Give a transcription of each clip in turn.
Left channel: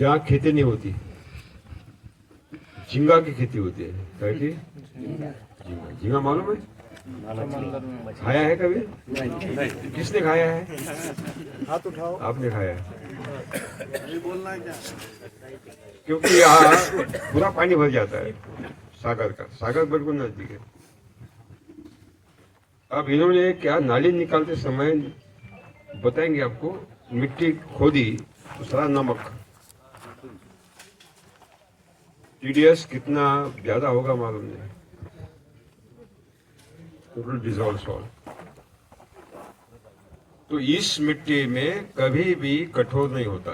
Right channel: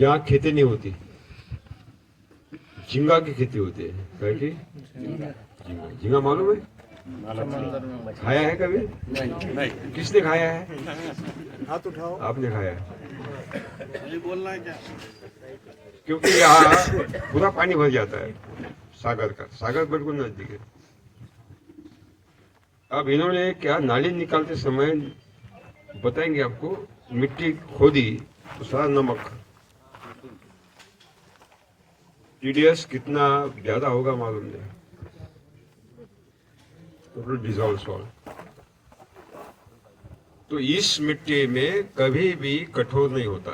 जहाँ खेती नहीं होती, झींगा की खेती होती है। क्या की झींगा? झींगा मालूम है? खाया है कभी? नहीं। किसने खाया है? हाथ उठाओ। आपने खाया है? नहीं बोलना है क्या? क्योंकि यहाँ पूरा पानी भर जाता है सागर का, सागर बिल्कुल नजदीक है। अब इन्होंने क्या नाली निकालते समय बताएंगे आपको, मिट्टी खोदी तो सारा नमक, टीडीएस कितना ज्यादा होगा मालूम नहीं, टोटल डिजॉल्व सॉल्ट। तो इस मिट्टी में कभी भी कठोर नहीं होता।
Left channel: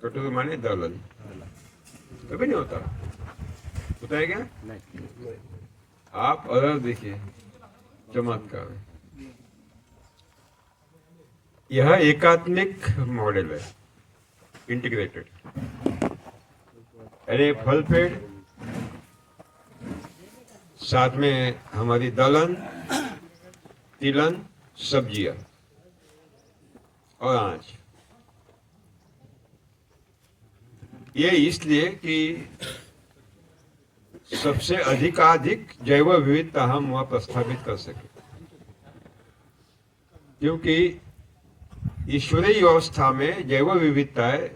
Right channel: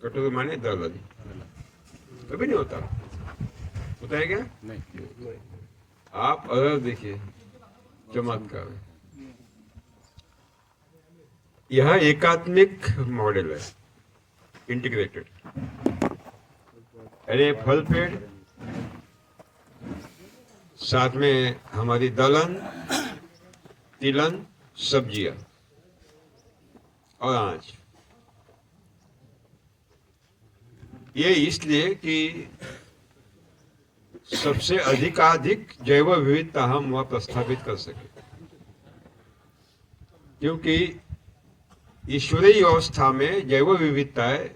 कठोर माने दलदल कभी नहीं होता। होता है क्या? नहीं। आप अदर देखिए, चमत्कार है। यह एकात्मिक मॉडल है, इंटीग्रेटेड। अरे फल पेड़, साथ में हमारी दलहन, तिलहन, सब्जियां और अनाज। ये इसलिए कि सबसे अधिकाधिक जैव विविधता हम वहां प्रस्थापित कर सके, क्योंकि ईश्वरीय व्यवस्था में जैव विविधता है,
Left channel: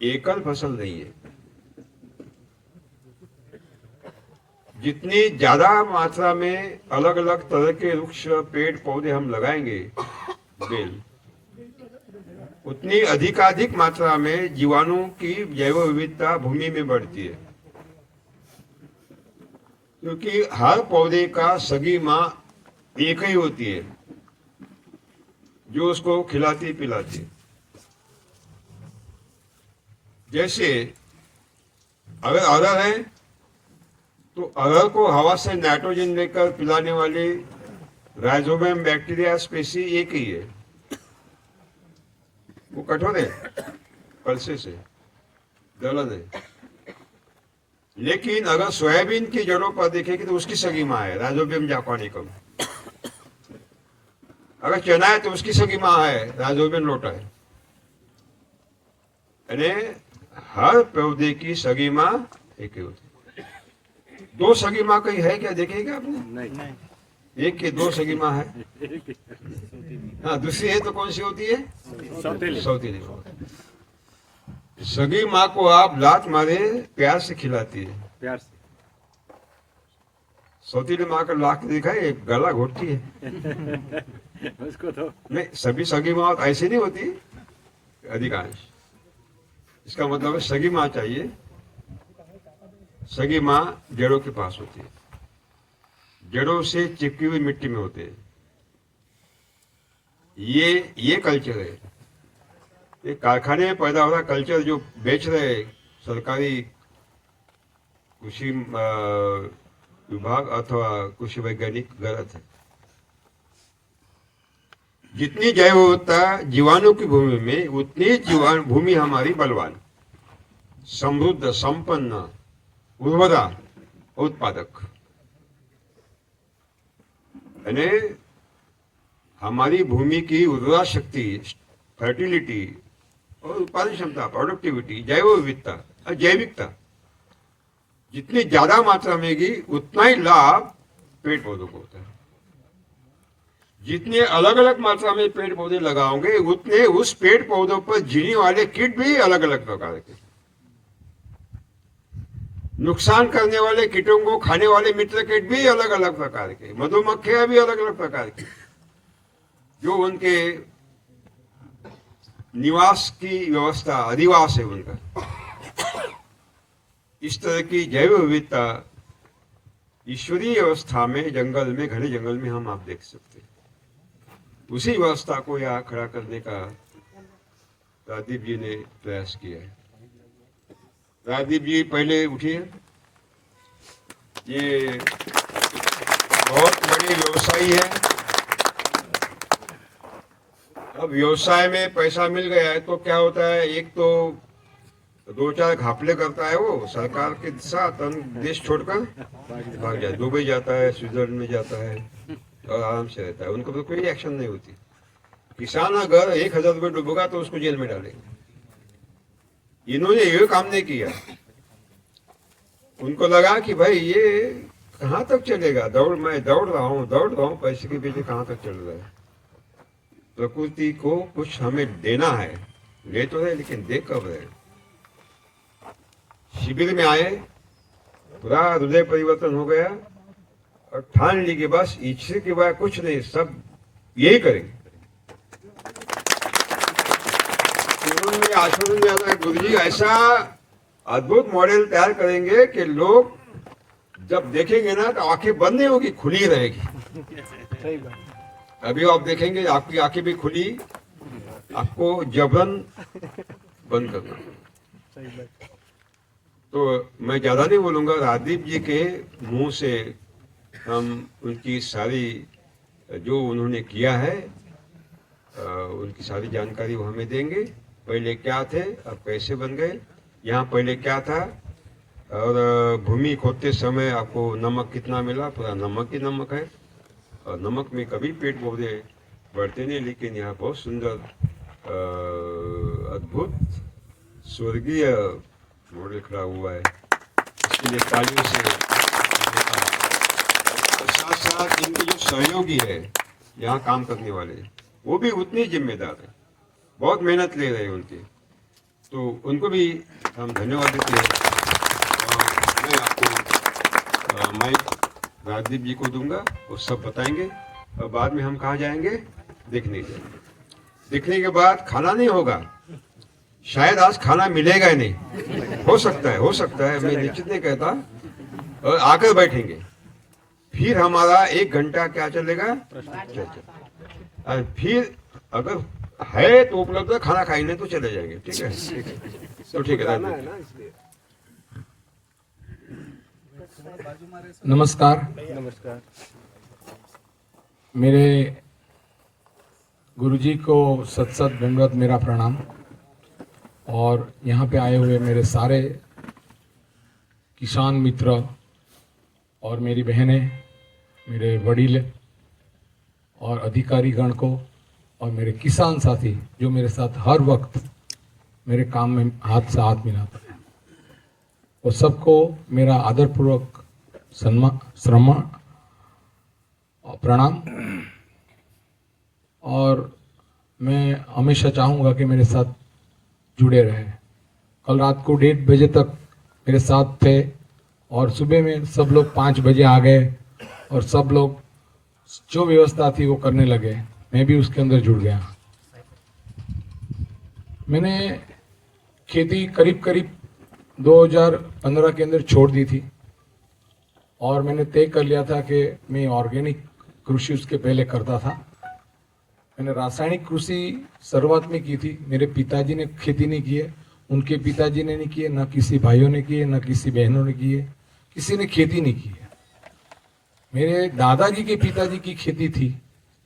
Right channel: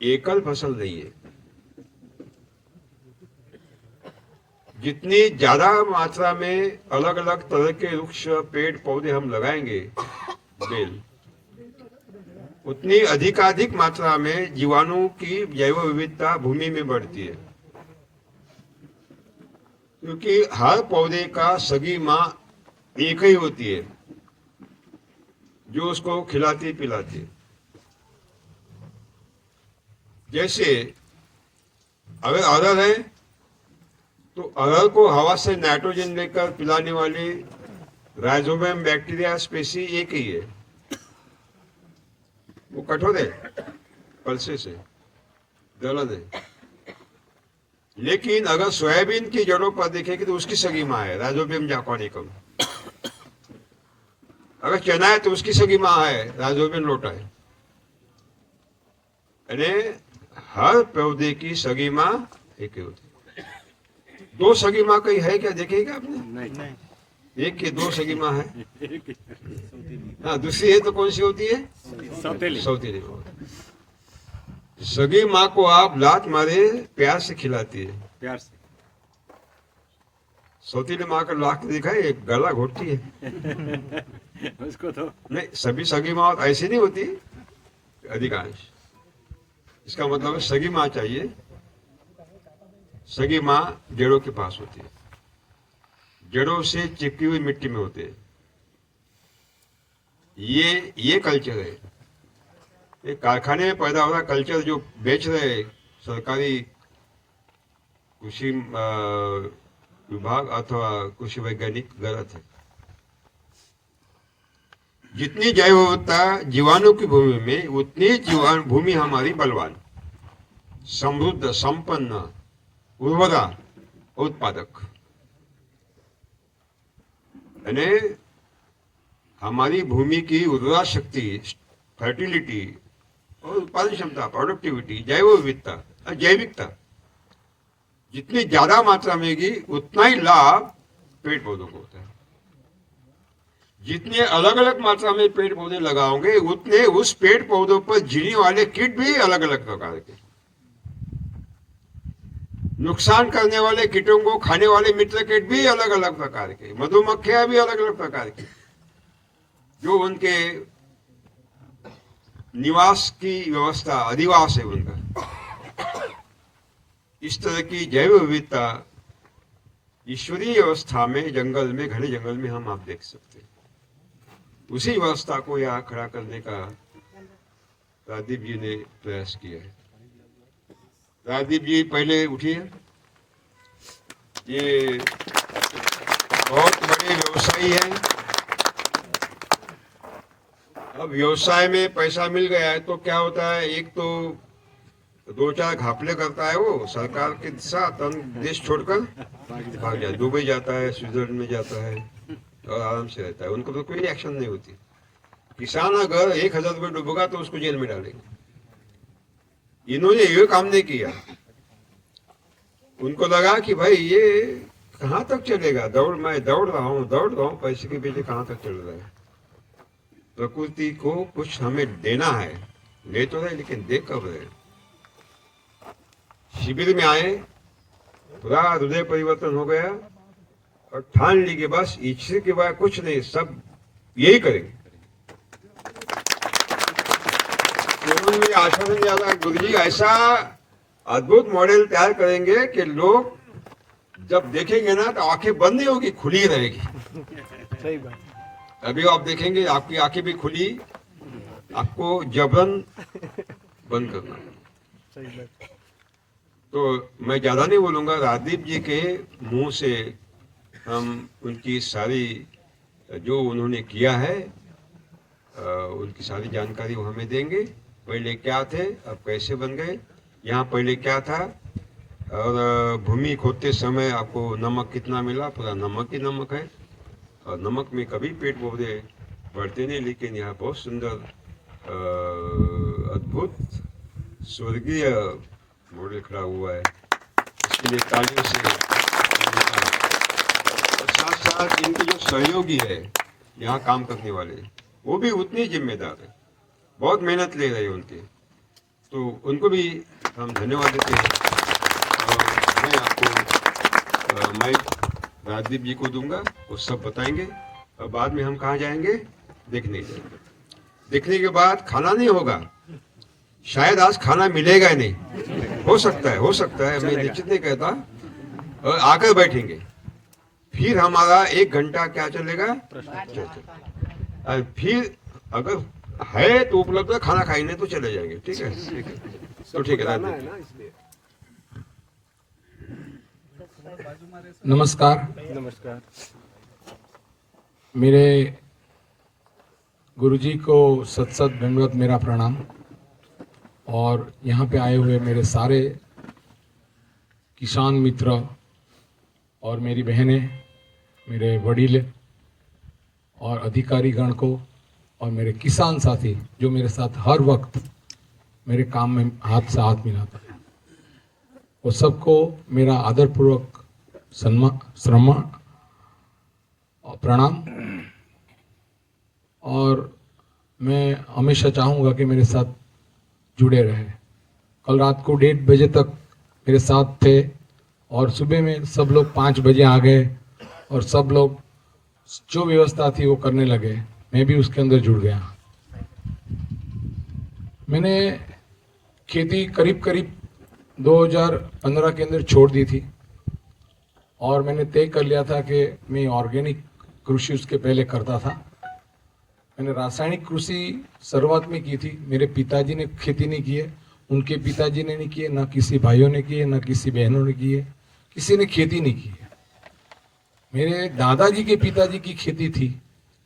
एकल फसल नहीं है। जितनी ज्यादा मात्रा में अलग अलग तरह के वृक्ष, पेड़ पौधे हम लगाएंगे, बेल, उतनी अधिकाधिक मात्रा में जीवाणु की जैव विविधता भूमि में बढ़ती है। क्योंकि हर पौधे का सगी माँ एक ही होती है, जो उसको खिलाती पिलाती है। जैसे अगर अरहर है तो अरहर को हवा से नाइट्रोजन लेकर पिलाने वाली राइजोबियम बैक्टीरिया स्पेसी एक ही है। वो कठोर है, पल्से से दलदल है। लेकिन अगर सोयाबीन की जड़ों पर देखेंगे तो उसकी सगी माँ है राइजोबियम जापानिकम। अगर चना है तो उसकी सगी माँ है राइजोबियम लोटा है। यानी हर पौधे की सगी माँ एक ही होती है। दो सगी माँ कहीं है क्या, देखेगा आपने? नहीं। एक की दो सगी माँ है। हाँ, दूसरी है तो कौन सी होती है? सौतेली। सगी माँ को आप लात मारे प्यार से खिलाती है, प्यार से। सौतेली माँ का लाख देखा है, गला घोटती है उसको तो नहीं। सभी सगी माँ ऐसी नहीं होती, अधिकांश। इसका मतलब है सगी माँ चाहिए। सगी माँ जड़ों के पास होती है, जड़ों से चिपकी हुई मिट्टी में होते हैं। ये कल्चर है। ये कारखाने में पैदा हो रहा कल्चर जो बेच रहे सरकारी कृषि विभाग अथवा कृषि वैज्ञानिक, गलत है। जितनी जैव विविधता जीवाणु की भूमि में, उतनी जीवाणु भूमि हमारी बलवान, समृद्ध, संपन्न, उर्वरा, उत्पादक। यानी हमारी भूमि की उर्वरा शक्ति, फर्टिलिटी और उत्पादन क्षमता, प्रोडक्टिविटी, जैव विविधता और जैविकता जितनी ज्यादा मात्रा में होगी उतना ही लाभ पेड़ पौधों को होता है। जितने अलग अलग मात्रा में पेड़ पौधे लगाओगे उतने उस पेड़ पौधों पर जीने वाले कीट भी अलग अलग प्रकार के, नुकसान करने वाले कीटों को खाने वाले मित्र कीट भी अलग अलग प्रकार के, मधुमक्खियां भी अलग अलग प्रकार की, जो उनके निवास की व्यवस्था, अधिवास है उनका। इस तरह की जैव विविधता ईश्वरीय व्यवस्था में, जंगल में, घने जंगल में हम आप देख सकते हैं। उसी व्यवस्था को यहाँ खड़ा करने का राजदीप जी ने प्रयास किया है। राजदीप जी पहले उठिए। ये बहुत बड़ी व्यवसायी है। अब व्यवसाय में पैसा मिल गया है तो क्या होता है, एक तो दो चार घापले करता है वो सरकार के साथ, देश छोड़कर भाग जाता है, दुबई जाता है, स्विट्जरलैंड में जाता है और आराम से रहता है। उनको तो कोई एक्शन नहीं होती। किसान अगर 1000 रुपये डूबेगा तो उसको जेल में डालेंगे। इन्होंने ये काम नहीं किया। उनको लगा कि भाई ये कहाँ तक चलेगा, मैं दौड़ रहा हूँ पैसे के पीछे कहाँ तक चल रहा है। प्रकृति को कुछ हमें देना है, ले तो रहे लेकिन दे कब रहे। शिविर में आए, पूरा हृदय परिवर्तन हो गया और ठान ली कि बस ईश्वर के बाद कुछ नहीं, सब यही करेंगे। उन्होंने आश्रम में आना, गुरुजी ऐसा अद्भुत मॉडल तैयार करेंगे कि लोग जब देखेंगे ना तो आंखें बंद नहीं होगी, खुली रहेगी। सही बात। अभी आप देखेंगे आपकी आंखें भी खुली, आपको जबरन बंद करना है। सही बात। तो मैं ज्यादा नहीं बोलूंगा, राजदीप जी के मुंह से हम उनकी सारी जो उन्होंने किया है उनकी सारी जानकारी वो हमें देंगे। पहले क्या थे, अब कैसे बन गए, यहाँ पहले क्या था, और भूमि खोदते समय आपको नमक कितना मिला, पूरा नमक ही नमक है। और नमक में कभी पेट पौधे बढ़ते नहीं, लेकिन यहाँ बहुत सुंदर अद्भुत स्वर्गीय मॉडल खड़ा हुआ है। इसके लिए तालियों से साथ साथ इनके जो सहयोगी है यहाँ काम करने वाले, वो भी उतनी जिम्मेदार है, बहुत मेहनत ले रहे हैं उनके, तो उनको भी हम धन्यवाद देते हैं। मैं आपको माइक राजदीप जी को दूंगा, वो सब बताएंगे और बाद में हम कहाँ जाएंगे, देखने के। देखने के बाद खाना नहीं होगा, शायद आज खाना मिलेगा ही नहीं, हो सकता है, मैं निश्चित नहीं कहता। और आकर बैठेंगे, फिर हमारा 1 घंटा क्या चलेगा, फिर अगर है तो उपलब्ध है, खाना खाएंगे तो चले जाएंगे। ठीक है, तो ठीक है राजदीप। नमस्कार। नमस्कार। मेरे गुरुजी को सत सत दंडवत मेरा प्रणाम। और यहाँ पे आए हुए मेरे सारे किसान मित्र और मेरी बहनें, मेरे वडील और अधिकारी गण को और मेरे किसान साथी जो मेरे साथ हर वक्त मेरे काम में हाथ से हाथ मिलाता है, वो सबको मेरा आदरपूर्वक श्रम और प्रणाम। और मैं हमेशा चाहूँगा कि मेरे साथ जुड़े रहे। कल रात को 1:30 बजे तक मेरे साथ थे और सुबह में सब लोग 5 बजे आ गए और सब लोग जो व्यवस्था थी वो करने लगे, मैं भी उसके अंदर जुड़ गया। मैंने खेती करीब 2015 के अंदर छोड़ दी थी और मैंने तय कर लिया था कि मैं ऑर्गेनिक कृषि उसके पहले करता था। मैंने रासायनिक कृषि शुरुआत में की थी, मेरे पिताजी ने खेती नहीं की है, उनके पिताजी ने नहीं की है, ना किसी भाइयों ने की है, ना किसी बहनों ने की है, किसी ने खेती नहीं की है। मेरे दादाजी के पिताजी की खेती थी,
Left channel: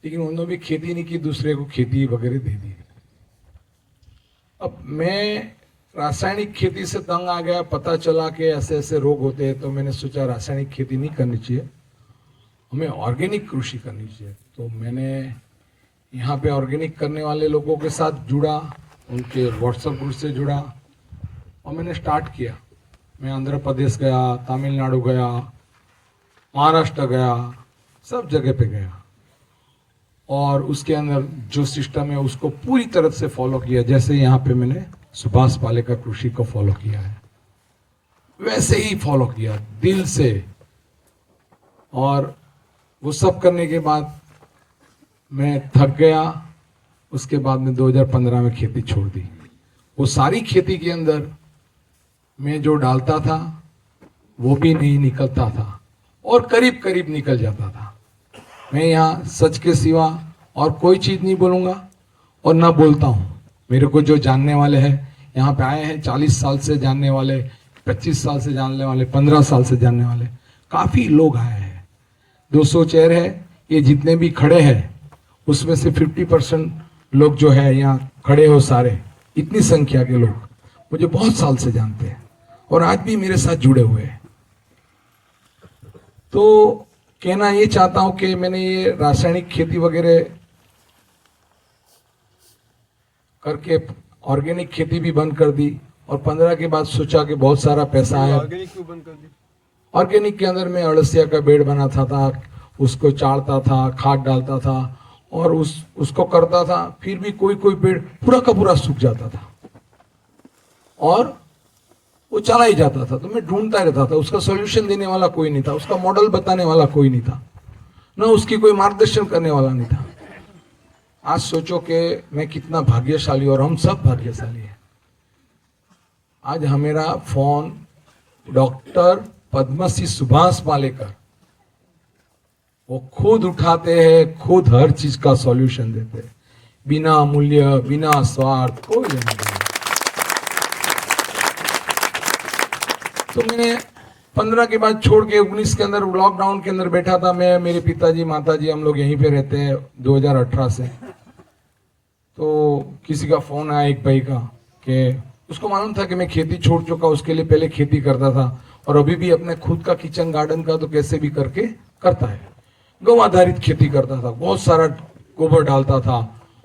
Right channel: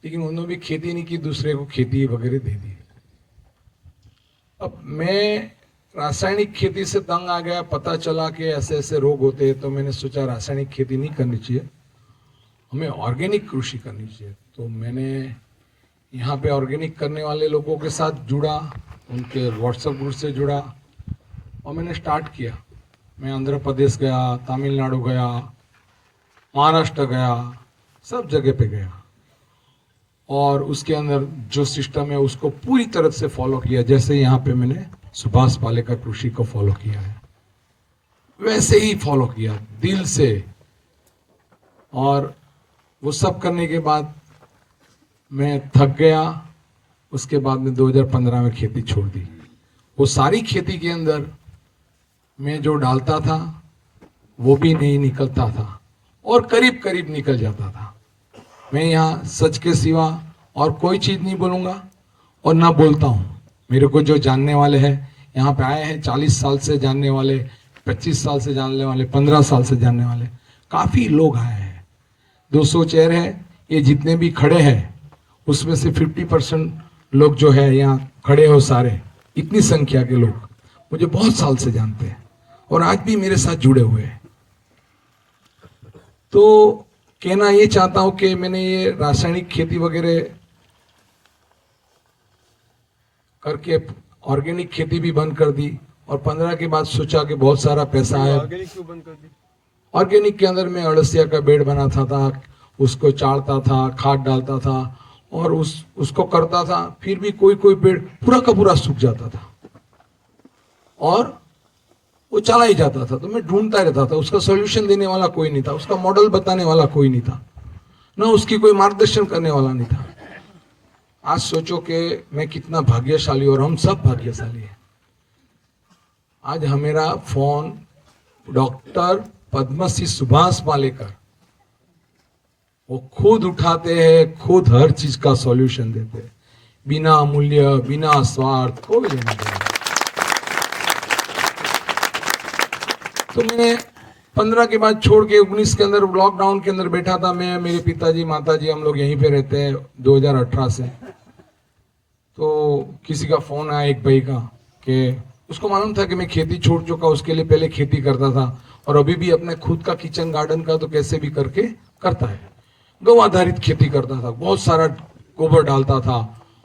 लेकिन उन्होंने भी खेती नहीं की, दूसरे को खेती वगैरह दे दी। अब मैं रासायनिक खेती से तंग आ गया, पता चला कि ऐसे ऐसे रोग होते हैं, तो मैंने सोचा रासायनिक खेती नहीं करनी चाहिए, हमें ऑर्गेनिक कृषि करनी चाहिए। तो मैंने यहाँ पे ऑर्गेनिक करने वाले लोगों के साथ जुड़ा, उनके व्हाट्सएप ग्रुप से जुड़ा और मैंने स्टार्ट किया। मैं आंध्र प्रदेश गया, तमिलनाडु गया, महाराष्ट्र गया, सब जगह पे गया और उसके अंदर जो सिस्टम है उसको पूरी तरह से फॉलो किया। जैसे यहाँ पे मैंने सुभाष पालेकर कृषि को फॉलो किया है, वैसे ही फॉलो किया दिल से। और वो सब करने के बाद मैं थक गया। उसके बाद में 2015 में खेती छोड़ दी। वो सारी खेती के अंदर मैं जो डालता था वो भी नहीं निकलता था और करीब करीब निकल जाता था। मैं यहाँ सच के सिवा और कोई चीज नहीं बोलूँगा और ना बोलता हूँ। मेरे को जो जानने वाले हैं, यहाँ पे आए हैं 40 साल से जानने वाले, 25 साल से जानने वाले, 15 साल से जानने वाले, काफ़ी लोग आए हैं। 200 चेयर है, ये जितने भी खड़े हैं उसमें से 50% लोग जो है यहाँ खड़े हो सारे, इतनी संख्या के लोग मुझे बहुत साल से जानते हैं और आज भी मेरे साथ जुड़े हुए हैं। तो कहना ये चाहता हूं कि मैंने ये रासायनिक खेती वगैरह करके ऑर्गेनिक खेती भी बंद कर दी और 15 के बाद सोचा कि बहुत सारा पैसा है। ऑर्गेनिक क्यों बंद कर दी? ऑर्गेनिक के अंदर मैं अड़सिया का बेड बनाता था, उसको चाड़ता था, खाद डालता था और उसको करता था, फिर भी कोई कोई पेड़ पूरा का पूरा सूख जाता था और वो चला ही जाता था। तो मैं ढूंढता रहता था, उसका सॉल्यूशन देने वाला कोई नहीं था, उसका मॉडल बताने वाला कोई नहीं था, ना उसकी कोई मार्गदर्शन करने वाला नहीं था। आज सोचो कि मैं कितना भाग्यशाली, और हम सब भाग्यशाली हैं। आज हमारा फोन डॉक्टर पद्मश्री सुभाष पालेकर वो खुद उठाते हैं, खुद हर चीज का सॉल्यूशन देते हैं, बिना मूल्य, बिना स्वार्थ, कोई लेना देना। तो मैंने 15 के बाद छोड़ के 19 के अंदर लॉकडाउन के अंदर बैठा था मैं, मेरे पिताजी माताजी हम लोग यहीं पे रहते हैं 2018 से। तो किसी का फोन आया एक भाई का कि उसको मालूम था कि मैं खेती छोड़ चुका, उसके लिए पहले खेती करता था और अभी भी अपने खुद का किचन गार्डन का तो कैसे भी करके करता है। गौ आधारित खेती करता था, बहुत सारा गोबर डालता था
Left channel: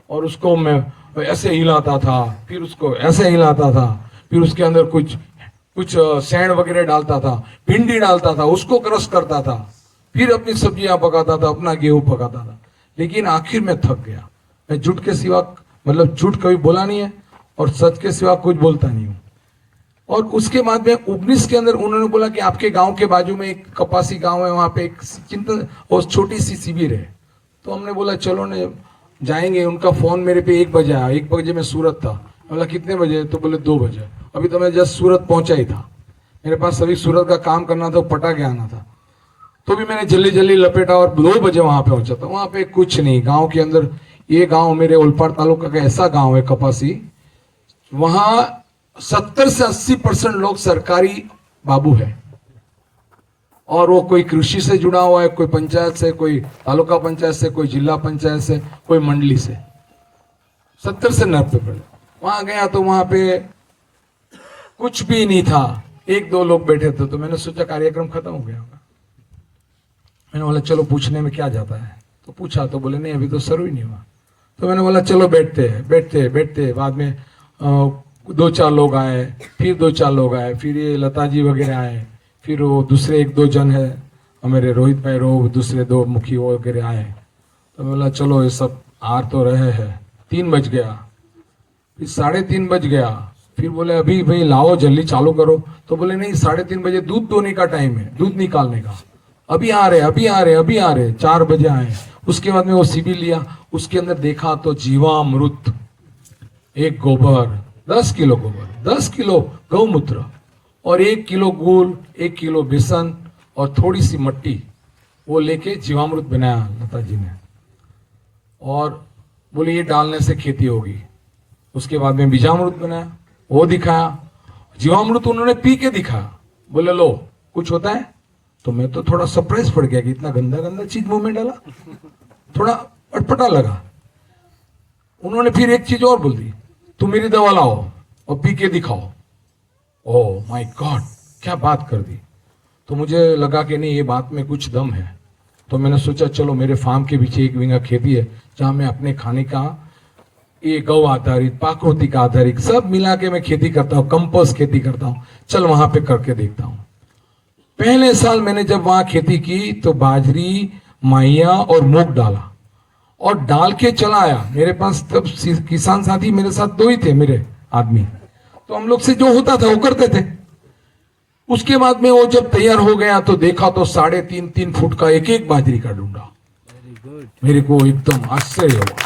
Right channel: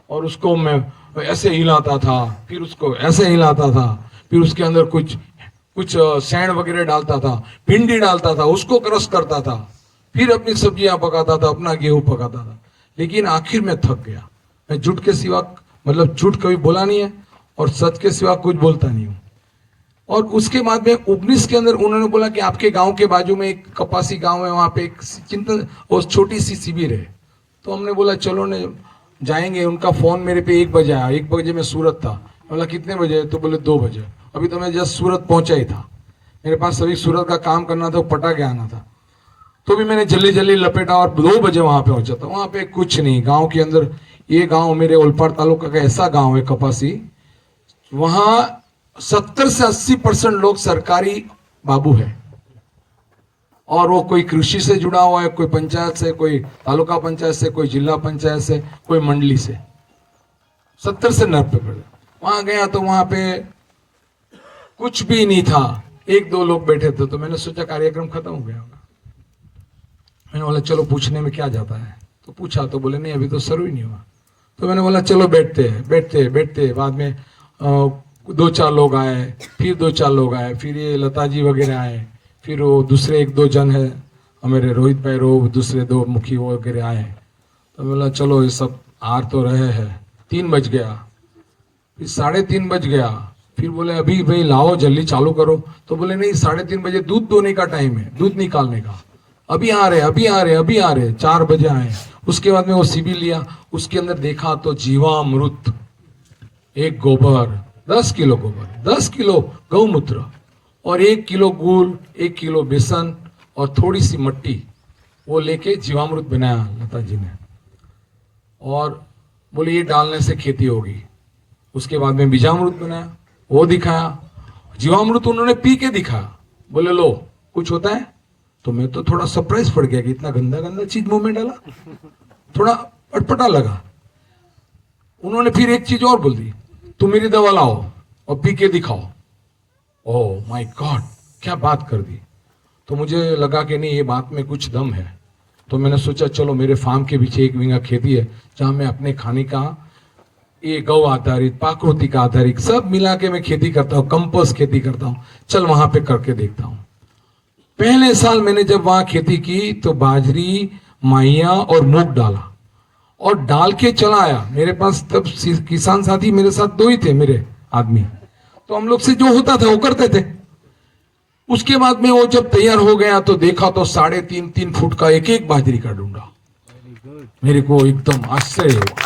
और उसको मैं ऐसे हिलाता था, फिर उसको ऐसे हिलाता था, फिर उसके अंदर कुछ सैंड वगैरह डालता था, भिंडी डालता था, उसको क्रश करता था, फिर अपनी सब्जियां पकाता था, अपना गेहूं पकाता था। लेकिन आखिर में थक गया। मैं झूठ के सिवा, मतलब झूठ कभी बोला नहीं है और सच के सिवा कुछ बोलता नहीं हूँ। और उसके बाद में 19 के अंदर उन्होंने बोला कि आपके गांव के बाजू में एक कपासी गांव है, वहां पे एक चिंतन और छोटी सी शिविर है। तो हमने बोला चलो ने जाएंगे। उनका फोन मेरे पे 1 बजे आया। 1 बजे मैं सूरत था। बोला कितने बजे? तो बोले 2 बजे। अभी तो मैं जस्ट सूरत पहुंचा ही था, मेरे पास सभी सूरत का काम करना था, पटा के आना था। तो भी मैंने जल्दी जल्दी लपेटा और 2 बजे वहां पे पहुंचा था। वहां पे कुछ नहीं, गांव के अंदर, ये गांव मेरे ओलपाड़ तालुका का ऐसा गांव है कपासी, वहां 70 से 80% लोग सरकारी बाबू है और वो कोई कृषि से जुड़ा हुआ है, कोई पंचायत से, कोई तालुका पंचायत से, कोई जिला पंचायत से, कोई मंडली से। 70 से 90%। वहां गया तो वहां पे कुछ भी नहीं था, 1-2 लोग बैठे थे। तो मैंने सोचा कार्यक्रम खत्म हो गया होगा। मैंने बोला चलो पूछने में क्या जाता है। तो पूछा तो बोले नहीं अभी तो शुरू ही नहीं हुआ। तो मैंने बोला चलो बैठते। बाद में 2-4 लोग आए, फिर 2-4 लोग आए, फिर ये लता जी वगैरह आए, फिर वो दूसरे 1-2 जन है मेरे रोहित भाई, दूसरे 2 मुखी वगैरह आए। तो बोला चलो ये सब आ तो रहे हैं। 3 बज गया, फिर 3:30 बज गया, फिर बोले अभी भाई लाओ जल्दी चालू करो। तो बोले नहीं 3:30 बजे दूध दोने का टाइम है, दूध निकालने का। अभी आ रहे 4 बजे आए। उसके बाद में वो शिविर लिया, उसके अंदर देखा तो जीवामृत, एक गोबर, 10 किलो गोबर, 10 किलो गौमूत्र और 1 किलो गुड़, 1 किलो बेसन और थोड़ी सी मिट्टी, वो लेके जीवामृत बनाया लता जी ने। और बोले ये डालने से खेती होगी। उसके बाद में बीजामृत बनाया, वो दिखाया। जीवामृत उन्होंने पी के दिखाया। बोले लो कुछ होता है? तो मैं तो थोड़ा सरप्राइज पड़ गया कि इतना गंदा चीज मुंह में डाला, थोड़ा अटपटा लगा। उन्होंने फिर एक चीज और बोल दी, तुम मेरी दवा लाओ और पी के दिखाओ। ओह माय गॉड, क्या बात कर दी। तो मुझे लगा कि नहीं ये बात में कुछ दम है। तो मैंने सोचा चलो मेरे फार्म के पीछे 1 बीघा खेती है जहां मैं अपने खाने का ये गौ आधारित, प्राकृतिक आधारित सब मिला के मैं खेती करता हूँ, कंपोस्ट खेती करता हूँ, चल वहां पे करके देखता हूँ। पहले साल मैंने जब वहां खेती की तो बाजरी, माइया और मूंग डाला और डाल के चला आया। मेरे पास तब किसान साथी मेरे साथ 2 ही थे मेरे आदमी, तो हम लोग से जो होता था वो करते थे। उसके बाद में वो जब तैयार हो गया तो देखा तो 3.5 फुट का एक बाजरी का डूंडा। मेरे को एकदम आश्चर्य हुआ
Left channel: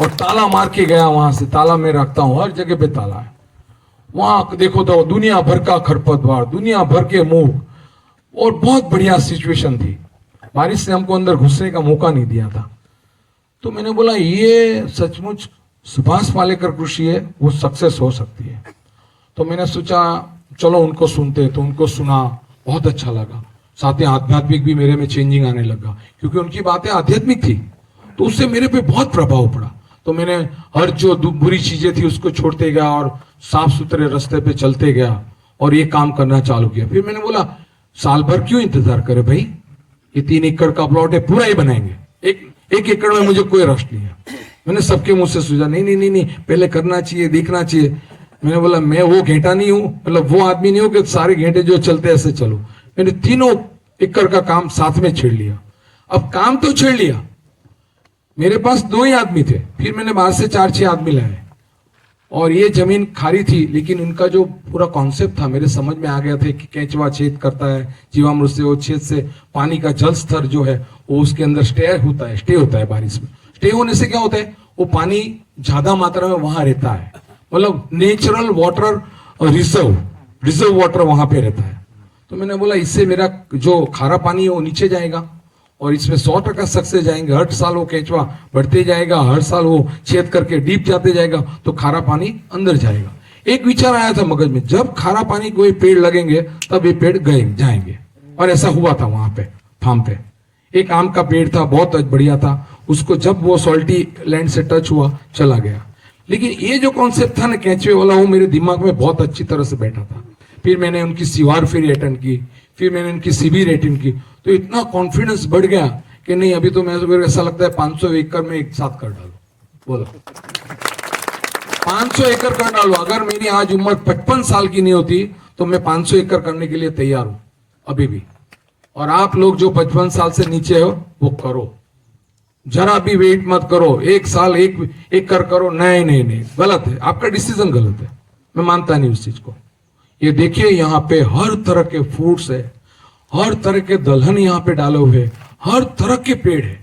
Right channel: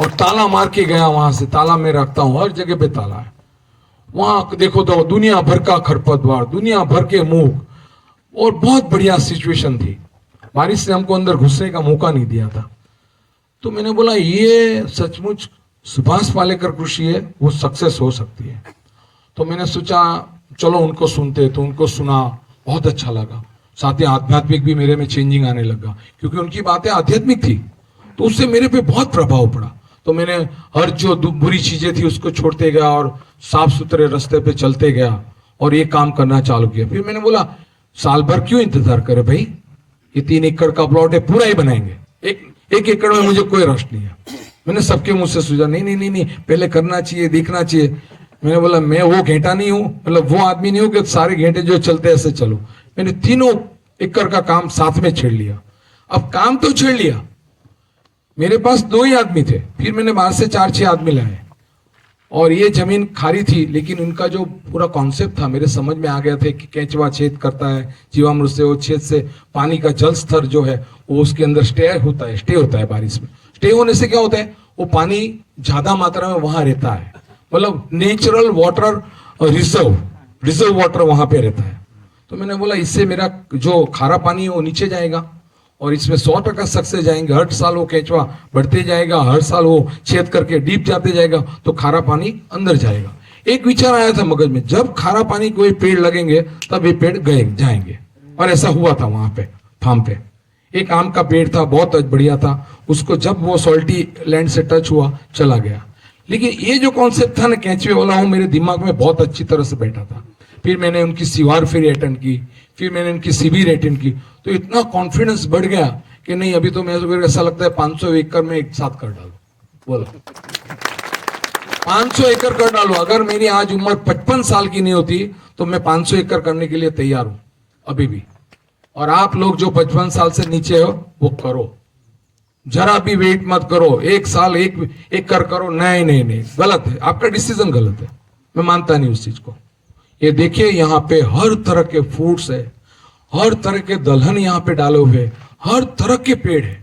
और ताला मार के गया वहां से। ताला मैं रखता हूं, हर जगह पे ताला है। वहां देखो तो दुनिया भर का खरपतवार, दुनिया भर के मूंग और बहुत बढ़िया सिचुएशन थी। बारिश से हमको अंदर घुसने का मौका नहीं दिया था। तो मैंने बोला ये सचमुच सुभाष पालेकर कृषि है, वो सक्सेस हो सकती है। तो मैंने सोचा चलो उनको सुनते। तो उनको सुना, बहुत अच्छा लगा। साथ ही आध्यात्मिक भी मेरे में चेंजिंग आने लगा क्योंकि उनकी बातें आध्यात्मिक थी, तो उससे मेरे पे बहुत प्रभाव पड़ा। तो मैंने हर जो बुरी चीजें थी उसको छोड़ते गया और साफ सुथरे रास्ते पे चलते गया और ये काम करना चालू किया। फिर मैंने बोला साल भर क्यों इंतजार करे भाई, ये 3 एकड़ का प्लॉट है, पूरा ही बनाएंगे। एक एकड़ में मुझे कोई रश नहीं है। मैंने सबके मुंह से सुझा नहीं, पहले करना चाहिए, देखना चाहिए। मैंने बोला मैं वो घेंटा नहीं हूं, मतलब वो आदमी नहीं हूं कि सारे घेंटे जो चलते ऐसे चलो। मैंने तीनों एकड़ का काम साथ में छेड़ लिया। अब काम तो छेड़ लिया, मेरे पास 2 ही आदमी थे, फिर मैंने बाहर से 4-6 आदमी लाए और ये जमीन खारी थी, लेकिन उनका जो पूरा कॉन्सेप्ट था मेरे समझ में आ गया था कि केंचुआ छेद करता है जीवामृत से, वो छेद से पानी का जल स्तर जो है वो उसके अंदर स्टे होता है बारिश में। स्टे होने से क्या होता है, वो पानी ज्यादा मात्रा में वहां रहता है, मतलब नेचुरल वाटर रिजर्व वाटर वहां पे रहता है। तो मैंने बोला इससे मेरा जो खारा पानी है वो नीचे जाएगा और इसमें 100% सक्सेस जाएंगे। हर साल वो केंचुआ बढ़ते जाएगा, हर साल वो छेद करके डीप जाते जाएगा तो खारा पानी अंदर जाएगा। एक विचार आया था मगज में, जब खारा पानी कोई पेड़ लगेंगे तब ये पेड़ गए जाएंगे, और ऐसा हुआ था वहां पे फार्म पे। एक आम का पेड़ था, बहुत बढ़िया था, उसको जब वो सॉल्टी लैंड से टच हुआ चला गया। लेकिन ये जो कॉन्सेप्ट था ना केंचुए वाला, वो मेरे दिमाग में बहुत अच्छी तरह से बैठा था। फिर मैंने उनकी सीवार फेरी अटेंड की, फिर मैंने उनकी शिविर अटेंड की, तो इतना कॉन्फिडेंस बढ़ गया कि नहीं अभी तो मेरे ऐसा लगता है 500 एकड़ में एक साथ कर डालो। बोलो 500 एकड़ कर डालो। अगर मेरी आज उम्र 55 साल की नहीं होती तो मैं 500 एकड़ करने के लिए तैयार हूं अभी भी। और आप लोग जो 55 साल से नीचे हो वो करो, जरा भी वेट मत करो, एक साल एक करो। नहीं, गलत है, आपका डिसीजन गलत है, मैं मानता नहीं उस चीज को। ये देखिए यहाँ पे हर तरह के फ्रूट्स है, हर तरह के दलहन यहाँ पे डाले हुए, हर तरह के पेड़ है,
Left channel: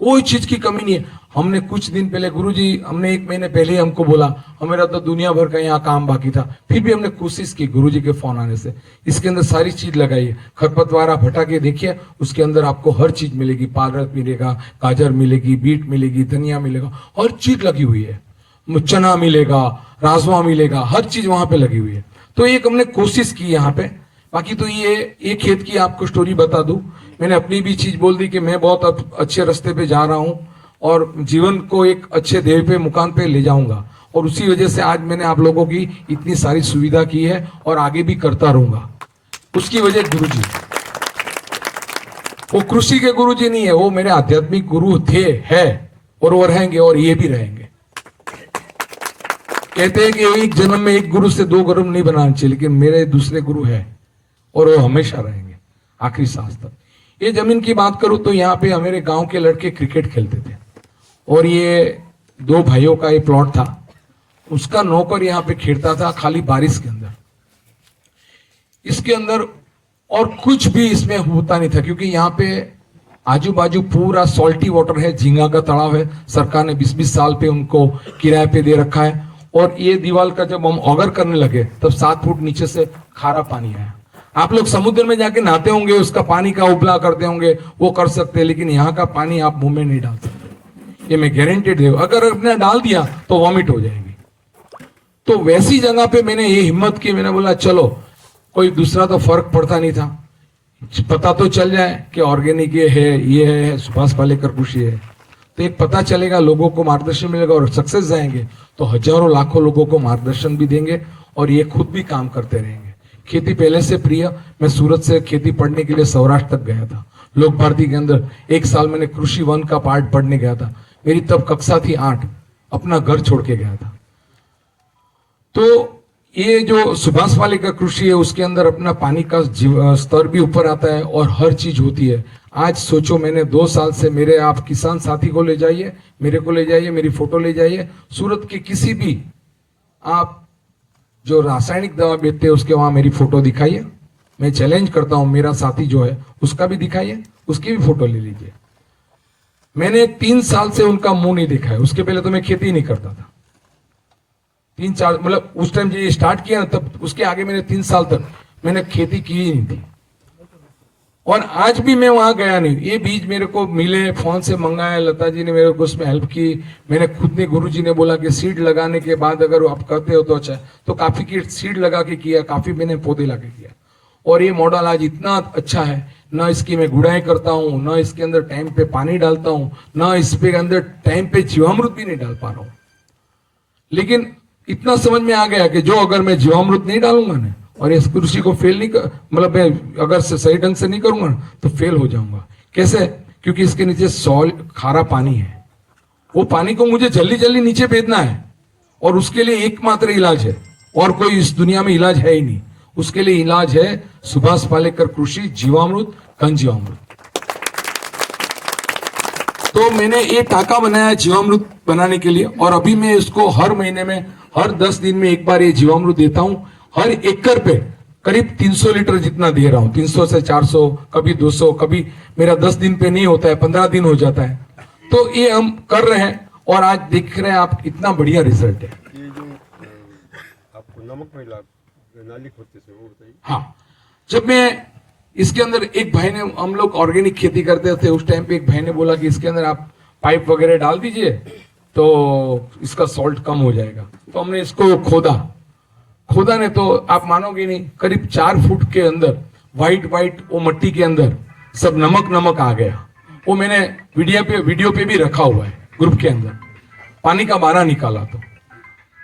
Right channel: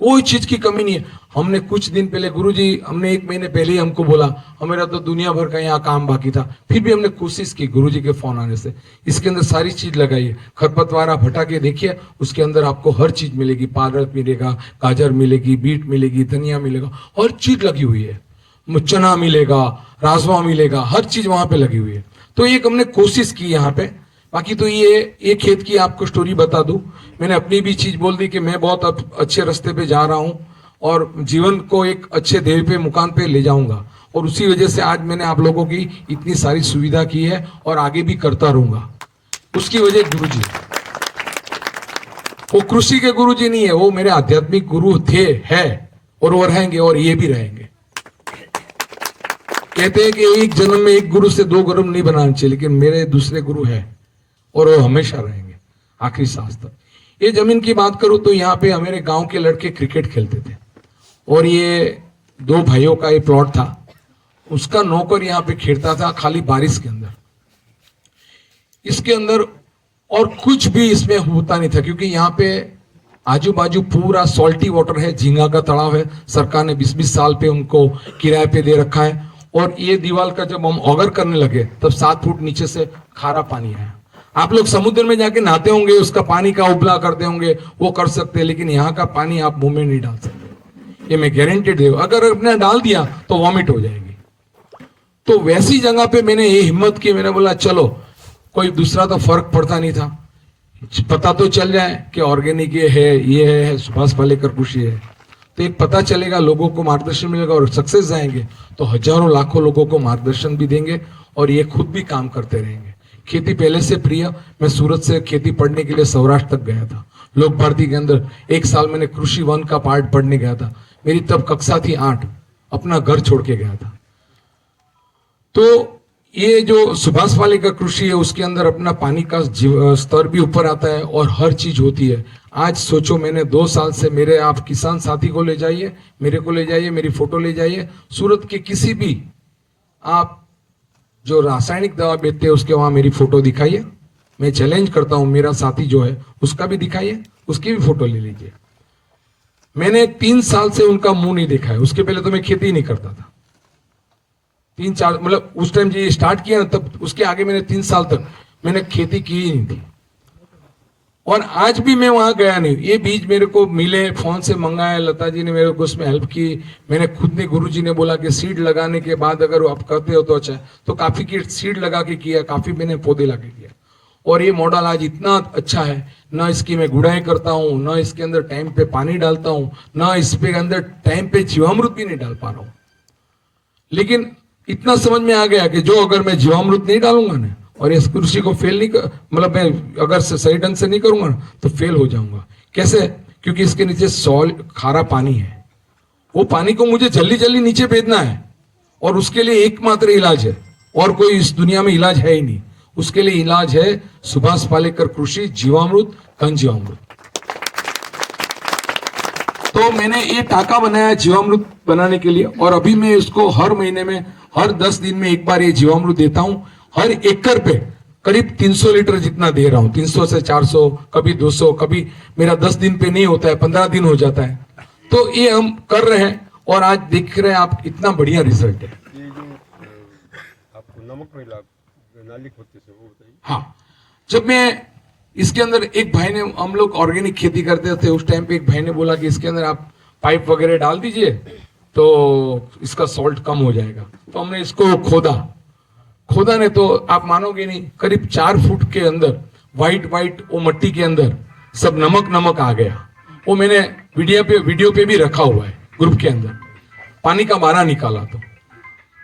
कोई चीज की कमी नहीं है। हमने कुछ दिन पहले गुरुजी, हमने 1 महीने पहले ही हमको बोला, हमारा तो दुनिया भर का यहाँ काम बाकी था, फिर भी हमने कोशिश की गुरुजी के फोन आने से। इसके अंदर सारी चीज लगाई है, खरपतवार आप हटा के देखिए, उसके अंदर आपको हर चीज मिलेगी, पालक मिलेगा, गाजर मिलेगी, बीट मिलेगी, धनिया मिलेगा, हर चीज लगी हुई है, चना मिलेगा, राजमा मिलेगा, हर चीज वहां पे लगी हुई है। तो एक हमने कोशिश की यहाँ पे। बाकी तो ये खेत की आपको स्टोरी बता दूं, मैंने अपनी भी चीज बोल दी कि मैं बहुत अच्छे रास्ते पे जा रहा हूं और जीवन को एक अच्छे ध्येय पे मुकाम पे ले जाऊंगा, और उसी वजह से आज मैंने आप लोगों की इतनी सारी सुविधा की है और आगे भी करता रहूंगा। उसकी वजह गुरुजी, वो कृषि के गुरुजी नहीं है, वो मेरे आध्यात्मिक गुरु थे, है और वो रहेंगे, और ये भी रहेंगे। कहते हैं कि एक जन्म में एक गुरु से 2 गुरु नहीं बनाना चाहिए, लेकिन मेरे दूसरे गुरु है और वो हमेशा रहेंगे आखिरी सांस तक। ये जमीन की बात करूं तो यहाँ पे हमारे गांव के लड़के क्रिकेट खेलते थे, और ये 2 भाइयों का ये प्लॉट था, उसका नौकर यहाँ पे खेलता था खाली बारिश के अंदर। इसके अंदर और कुछ भी इसमें होता नहीं था, क्योंकि यहाँ पे आजू बाजू पूरा सॉल्टी वाटर है, झींगा का तालाब है, सरकार ने 20-20 साल पे उनको किराए पे दे रखा है। और ये दीवार का जब हम ऑगर करने लगे तब 7 फुट नीचे से खारा पानी आया। आप लोग समुद्र में जाके नहाते होंगे, उसका पानी का उपला करते होंगे, वो कर सकते हैं, लेकिन यहाँ का पानी आप मुंह में नहीं डाल सकते, ये मैं गारंटेड हूं। अगर आपने डाल दिया तो वॉमिट हो जाएगी। तो वैसी जगह पे मैंने ये हिम्मत की, मैंने बोला चलो, कोई दूसरा तो फर्क पड़ता नहीं था, पता तो चल जाए कि ऑर्गेनिक ये है सुभाष पालेकर कृषि है, तो एक पता चलेगा, लोगों को मार्गदर्शन मिलेगा और सक्सेस जाएंगे तो हजारों लाखों लोगों को मार्गदर्शन भी देंगे और ये खुद भी काम करते रहेंगे। खेती पहले से प्रिय, मैं सूरत से खेती पढ़ने के लिए सौराष्ट्र तक गया था, लोक भारती के अंदर 1 साल मैंने कृषि 1 का पार्ट पढ़ने गया था। मेरी तब कक्षा थी 8, अपना घर छोड़ के गया था। तो ये जो सुभाष पालेकर कृषि है उसके अंदर अपना पानी का स्तर भी ऊपर आता है और हर चीज होती है। आज सोचो, मैंने 2 साल से, मेरे आप किसान साथी को ले जाइए, मेरे को ले जाइए, मेरी फोटो ले जाइए, सूरत के किसी भी आप जो रासायनिक दवा बेचते हैं उसके वहां मेरी फोटो दिखाइए। मैं चैलेंज करता हूं, मेरा साथी जो है उसका भी दिखाइए, उसकी भी फोटो ले लीजिए। मैंने 3 साल से उनका मुंह नहीं देखा है। उसके पहले तो मैं खेती ही नहीं करता था, 3-4 मतलब उस टाइम जो स्टार्ट किया ना, तब उसके आगे मैंने 3 साल तक मैंने खेती की ही नहीं थी। और आज भी मैं वहां गया नहीं। ये बीज मेरे को मिले, फोन से मंगाया, लता जी ने मेरे को उसमें हेल्प की, मैंने खुद ने, गुरुजी ने बोला कि सीड लगाने के बाद अगर आप करते हो तो अच्छा है, तो काफी की सीड लगा के किया, काफी मैंने पौधे लगा के किया। और ये मॉडल आज इतना अच्छा है, ना इसकी मैं गुड़ाई करता हूँ, ना इसके अंदर टाइम पे पानी डालता हूँ, ना इसके अंदर टाइम पे जीवामृत भी नहीं डाल पा रहा हूँ। लेकिन इतना समझ में आ गया कि जो अगर मैं जीवामृत नहीं डालूंगा ना और इस कृषि को फेल नहीं कर, मतलब मैं अगर सही ढंग से नहीं करूंगा ना तो फेल हो जाऊंगा। कैसे? क्योंकि इसके नीचे खारा पानी है, वो पानी को मुझे जल्दी जल्दी नीचे भेजना है और उसके लिए एकमात्र इलाज है और कोई इस दुनिया में इलाज है ही नहीं। उसके लिए इलाज है सुभाष पालेकर कृषि जीवामृत घन जीवामृत। तो मैंने ये टाका बनाया जीवामृत बनाने के लिए, और अभी मैं इसको हर महीने में, हर 10 दिन में एक बार ये जीवामृत देता हूं। हर एकड़ पे करीब 300 लीटर जितना दे रहा हूं, 300 से 400, कभी 200, कभी मेरा 10 दिन पे नहीं होता है, 15 दिन हो जाता है। तो ये हम कर रहे हैं और आज देख रहे हैं आप कितना बढ़िया रिजल्ट है। ये जो आपको नमक में नाली खोदते थे वो बताइए। हाँ, जब मैं इसके अंदर, एक भाई ने, हम लोग ऑर्गेनिक खेती करते थे उस टाइम पे, एक भाई ने बोला कि इसके अंदर आप पाइप वगैरह डाल दीजिए तो इसका सॉल्ट कम हो जाएगा। तो हमने इसको खोदा ने तो आप मानोगे नहीं, करीब 4 फुट के अंदर वाइट वो मट्टी के अंदर सब नमक आ गया। वो मैंने वीडियो पे भी रखा हुआ है ग्रुप के अंदर, पानी का बारा निकाला।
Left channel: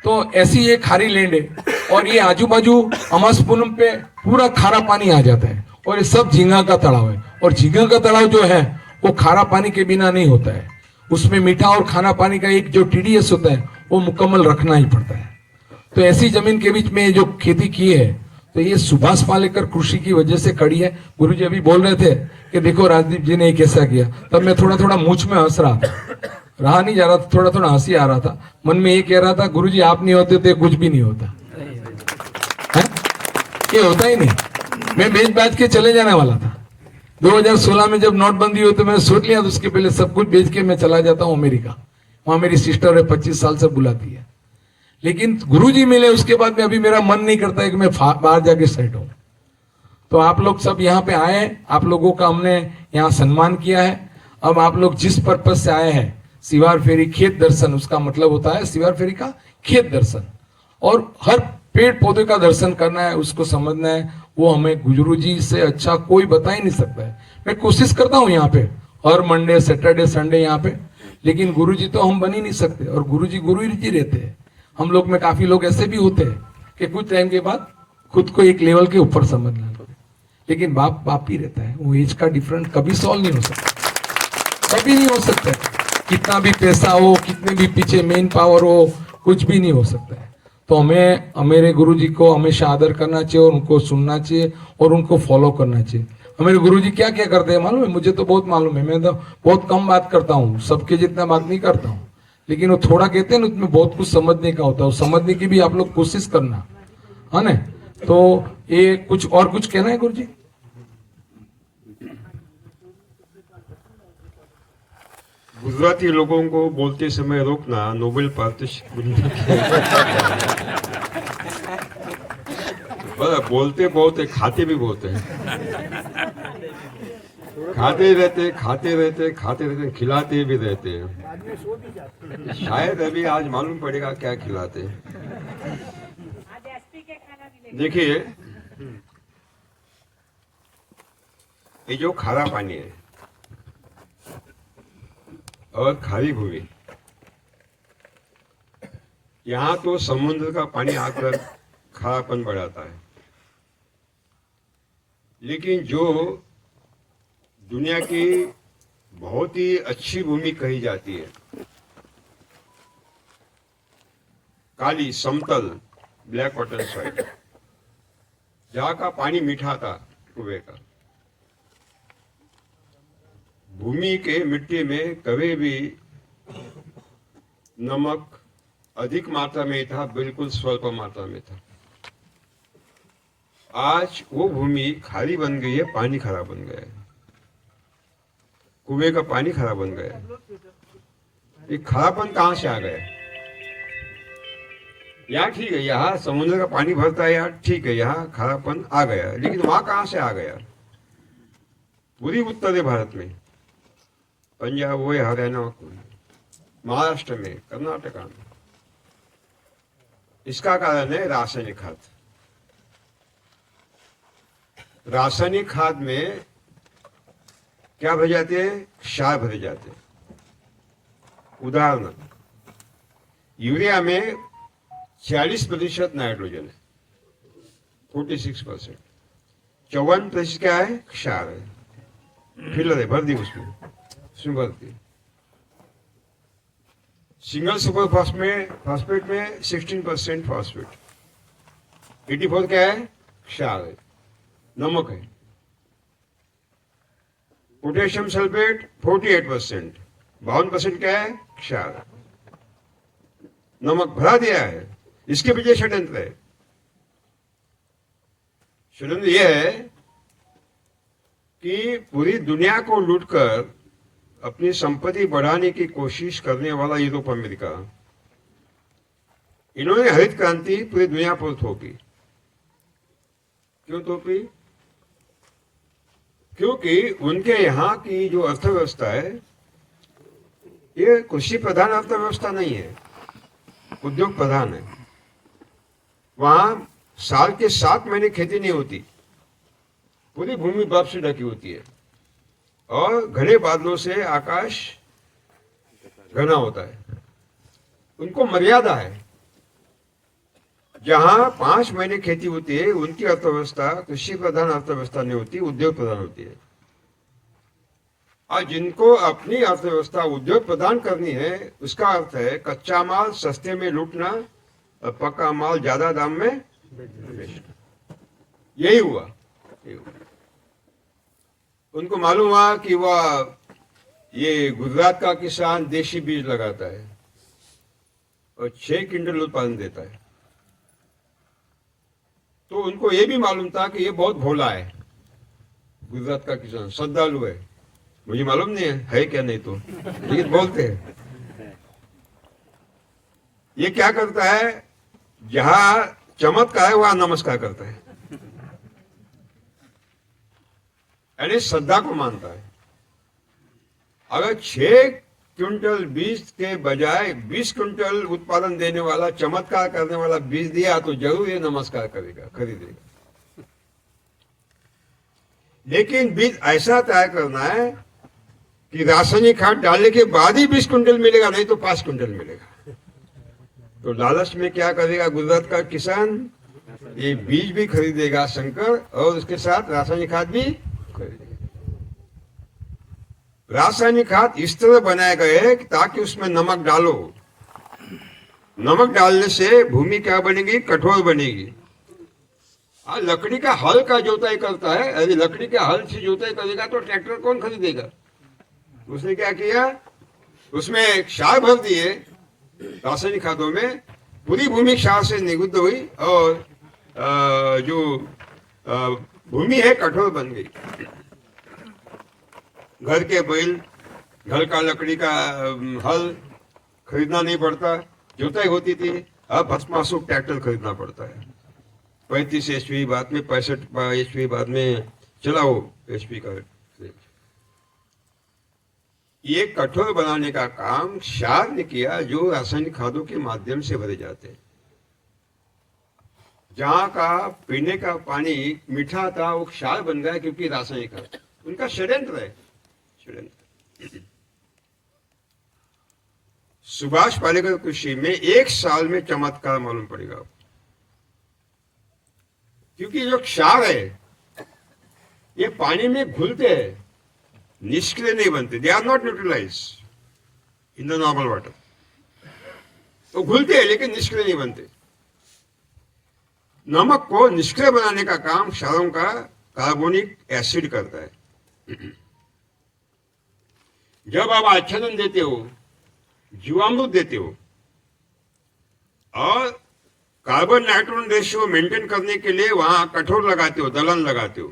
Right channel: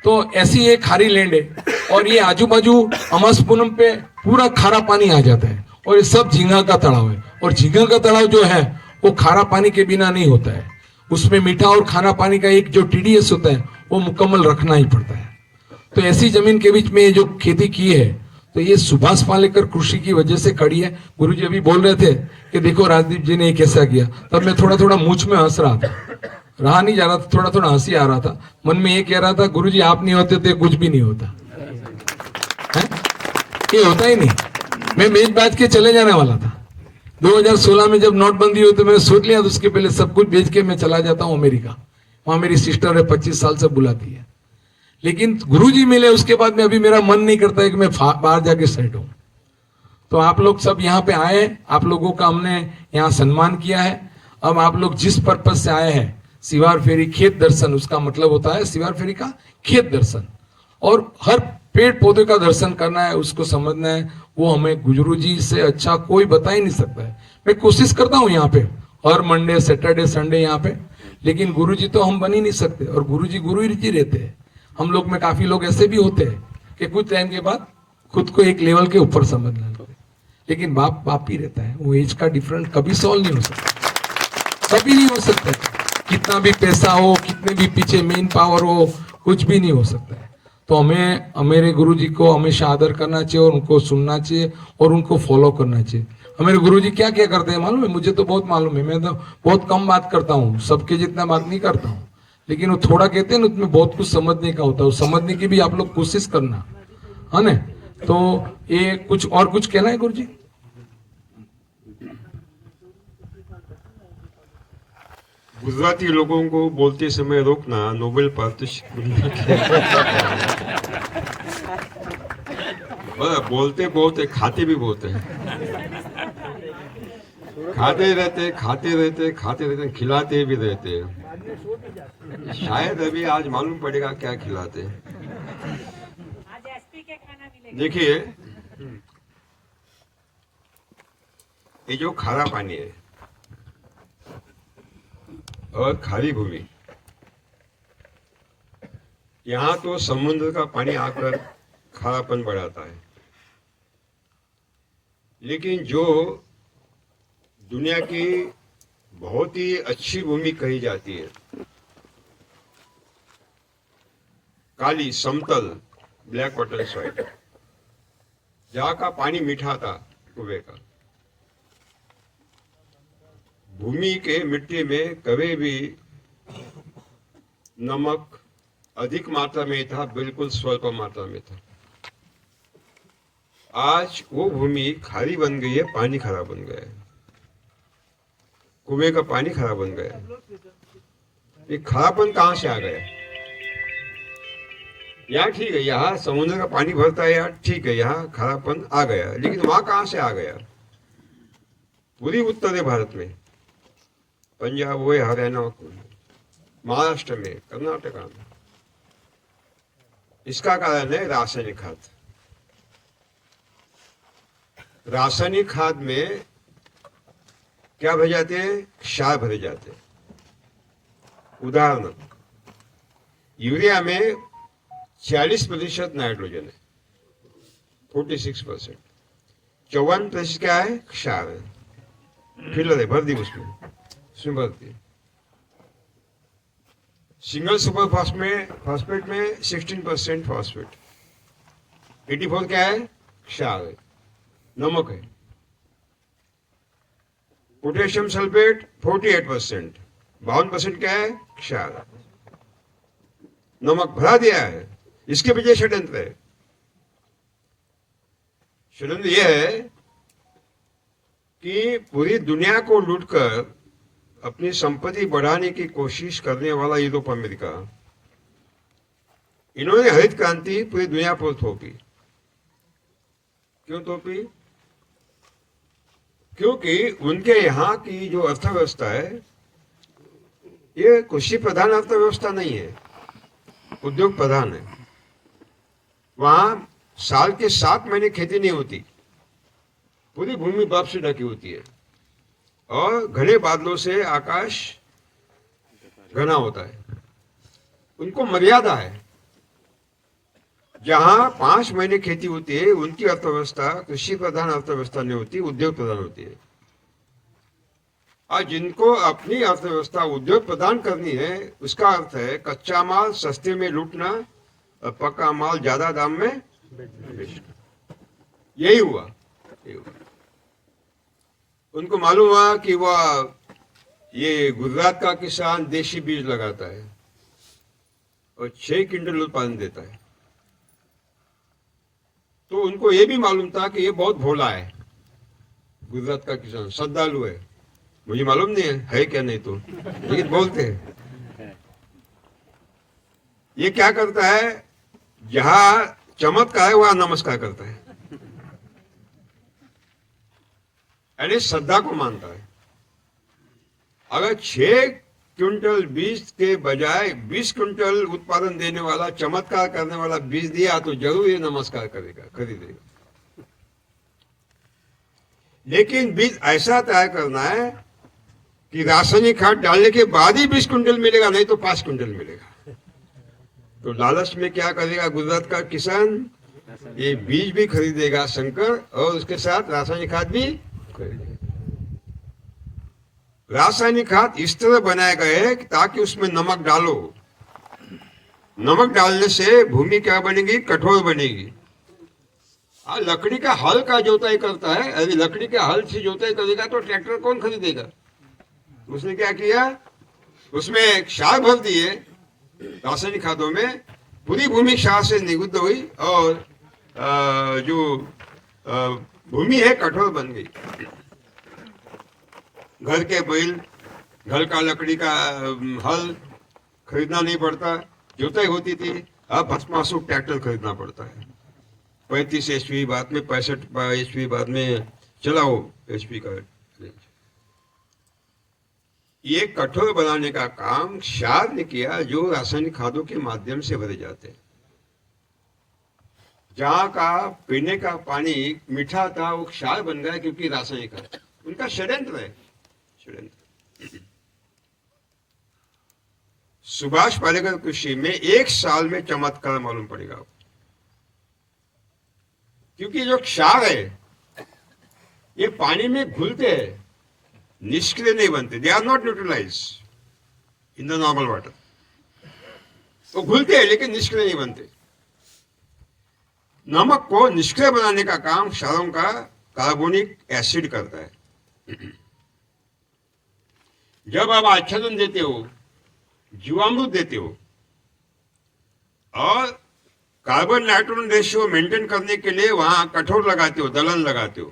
तो ऐसी ये खारी लैंड है और ये आजू बाजू अमास पूनम पे पूरा खारा पानी आ जाता है, और ये सब झींगा का तालाब है। और झींगा का तालाब जो है वो खारा पानी के बिना नहीं होता है, उसमें मीठा और खारा पानी का एक जो TDS होता है वो मुकम्मल रखना ही पड़ता है। तो ऐसी जमीन के बीच में जो खेती की है, तो ये सुभाष पालेकर कृषि की वजह से खड़ी है। गुरुजी अभी बोल रहे थे कि देखो राजदीप जी ने कैसा किया, तब मैं थोड़ा मुझ में हंस रहा था, रहा नहीं जा रहा था, थोड़ा हंसी आ रहा था। मन में ये कह रहा था गुरुजी आप नहीं होते तो कुछ भी नहीं होता है? ये होता ही नहीं। मैं बेच बाज के चले जाने वाला था। 2016 में जब नोटबंदी हुई तो मैंने सोच लिया, तो उसके पहले सब कुछ बेच के मैं चला जाता हूँ अमेरिका। वहां मेरी सिस्टर है, 25 साल से बुलाती है। लेकिन गुरुजी मिले उसके बाद में अभी मेरा मन नहीं करता है कि मैं बाहर जाके सेट हूं। तो आप लोग सब यहाँ पे आए, आप लोगों का हमने यहाँ सम्मान किया है। अब आप लोग जिस पर्पज से आए हैं, सिवार फेरी खेत दर्शन, उसका मतलब होता है सिवार फेरी का खेत दर्शन, और हर पेड़ पौधे का दर्शन करना है, उसको समझना है। वो हमें गुरुजी से अच्छा कोई बता ही नहीं सकता है। मैं कोशिश करता हूँ यहाँ पे हर मंडे, सैटरडे, संडे यहाँ पे, लेकिन गुरुजी तो हम बन ही नहीं सकते। और गुरुजी रहते हैं। हम लोग में काफी लोग ऐसे भी होते हैं कि कुछ टाइम के बाद खुद को एक लेवल के ऊपर समझ लेते, लेकिन बाप ही रहता है। वो एज का डिफरेंस कभी सॉल्व नहीं हो सकता, कभी नहीं हो सकता। कितना भी पैसा हो, कितने भी पीछे मेन पावर हो, कुछ भी नहीं हो सकता है। तो हमें मेरे गुरुजी को हमेशा आदर करना चाहिए और उनको सुनना चाहिए और उनको फॉलो करना चाहिए। हमारे गुरुजी क्या क्या करते हैं मालूम है? मुझे तो बहुत मालूम है। मैं तो बहुत कम बात करता हूँ, सबके जितना बात नहीं करता हूँ, लेकिन वो थोड़ा कहते हैं ना, उसमें बहुत कुछ समझने का होता है। समझने की भी आप लोग कोशिश करना, है ना? तो ये कुछ कहना है गुरुजी? गुजराती लोगों को बोलते समय रोकना नोबेल पारितोषिक मिलने की। बोलते बहुत है, खाते भी बहुत है। खाते रहते, खिलाते भी रहते हैं। शायद अभी आज मालूम पड़ेगा क्या खिलाते हैं। देखिए, ये जो खारा पानी है और खारी भूमि, यहाँ तो समुद्र का पानी आकर खारापन बढ़ाता है, लेकिन जो दुनिया की बहुत ही अच्छी भूमि कही जाती है, काली समतल ब्लैक वाटर सॉइल, जहाँ का पानी मीठा था कुएं का, भूमि के मिट्टी में कभी भी नमक अधिक मात्रा में था, बिल्कुल स्वल्प मात्रा में था। आज वो भूमि खारी बन गई है, पानी खारा बन गया है, कुएं का पानी खारा बन गया है। ये खारापन कहां से आ गया? यहाँ ठीक है, यहाँ समुद्र का पानी भरता है, यहाँ ठीक है, यहाँ खारापन आ गया, लेकिन वहां कहां से आ गया? पूरी उत्तरी भारत में, पंजाब हुए, हरियाणा, महाराष्ट्र में, कर्नाटका में। इसका कारण है रासायनिक खाद। रासायनिक खाद में क्या भरे जाते हैं? क्षार भरे जाते हैं। उदाहरण, यूरिया में 40% नाइट्रोजन है, 46%, 54% क्या है? क्षार है, फिलर है, भर दी उसमें भर दी। सिंगल सुपर फॉस्फेट में 16% फॉस्फेट, 84 क्या है? क्षार है, नमक है। पोटेशियम सल्फेट 48%, 52% क्या है? क्षार। नमक भरा दिया है, इसके पीछे षड्यंत्र है। षड्यंत्र यह है कि पूरी दुनिया को लूटकर अपनी संपत्ति बढ़ाने की कोशिश करने वाला यूरोप अमेरिका, इन्होंने हरित क्रांति पूरी दुनिया पर थोपी। क्यों थोपी? क्योंकि उनके यहाँ की जो अर्थव्यवस्था है ये कृषि प्रधान अर्थव्यवस्था नहीं है, उद्योग प्रधान है। वहां साल के 7 महीने खेती नहीं होती, पूरी भूमि बर्फ से ढकी होती है और घने बादलों से आकाश घना होता है। उनको मर्यादा है। जहां 5 महीने खेती होती है उनकी अर्थव्यवस्था कृषि प्रधान अर्थव्यवस्था नहीं होती, उद्योग प्रधान होती है। और जिनको अपनी अर्थव्यवस्था उद्योग प्रदान करनी है उसका अर्थ है कच्चा माल सस्ते में लूटना और पक्का माल ज्यादा दाम में बेचना। यही हुआ। उनको मालूम हुआ कि वह ये गुजरात का किसान देशी बीज लगाता है और 6 क्विंटल उत्पादन देता है, तो उनको ये भी मालूम था कि ये बहुत भोला है। गुजरात का किसान श्रद्धालु है, मुझे मालूम नहीं है क्या नहीं तो, लेकिन बोलते हैं। ये क्या करता है? जहां चमत्कार है वहां नमस्कार करता है, यानी श्रद्धा को मानता है। अगर 6 क्विंटल बीज के बजाय 20 क्विंटल उत्पादन देने वाला चमत्कार करने वाला बीज दिया तो जरूर ये नमस्कार करेगा, खरीदेगा। लेकिन बीज ऐसा तैयार करना है कि रासायनिक खाद डालने के बाद ही 20 क्विंटल मिलेगा, नहीं तो 5 क्विंटल मिलेगा। तो लालच में क्या करेगा गुजरात का किसान? ये बीज भी खरीदेगा संकर और उसके साथ रासायनिक खाद भी खरीदेगा। रासायनिक खाद इस तरह बनाए गए हैं ताकि उसमें नमक डालो। नमक डालने से भूमि क्या बनेगी? कठोर बनेगी। लकड़ी का हल का जोताई करता है, अरे लकड़ी के हल से जोताई करेगा तो ट्रैक्टर कौन खरीदेगा? उसने क्या किया? उसमें क्षार भर दिए रासायनिक खादों में, पूरी भूमि क्षार से निरुद्ध हुई और जो भूमि है कठोर बन गई। घर के बैल, घर का लकड़ी का हल खरीदना नहीं पड़ता, जोताई होती थी। अब भस्मासुर ट्रैक्टर खरीदना पड़ता है। 35 HP बाद में 65 HP बाद में चलाओ HP का। ये कठोर बनाने का काम क्षार ने किया जो रासायनिक खादों के माध्यम से भरे जाते हैं। जहां का पीने का पानी मीठा था वो क्षार बन गया क्योंकि रासायनिक खाद। उनका षड्यंत्र है, षड्यंत्र। सुभाष पालेकर कृषि में 1 साल में चमत्कार मालूम पड़ेगा, क्योंकि जो क्षार है ये पानी में घुलते हैं, निष्क्रिय नहीं बनते। They are not neutralize in the normal water. वो घुलते हैं लेकिन निष्क्रिय नहीं बनते। नमक को निष्क्रिय बनाने का काम क्षारों का कार्बोनिक एसिड करता है। जब आप आच्छादन देते हो, जीवामृत देते हो और कार्बन नाइट्रोजन रेशियो मेंटेन करने के लिए वहां कठोर लगाते हो, दलहन लगाते हो,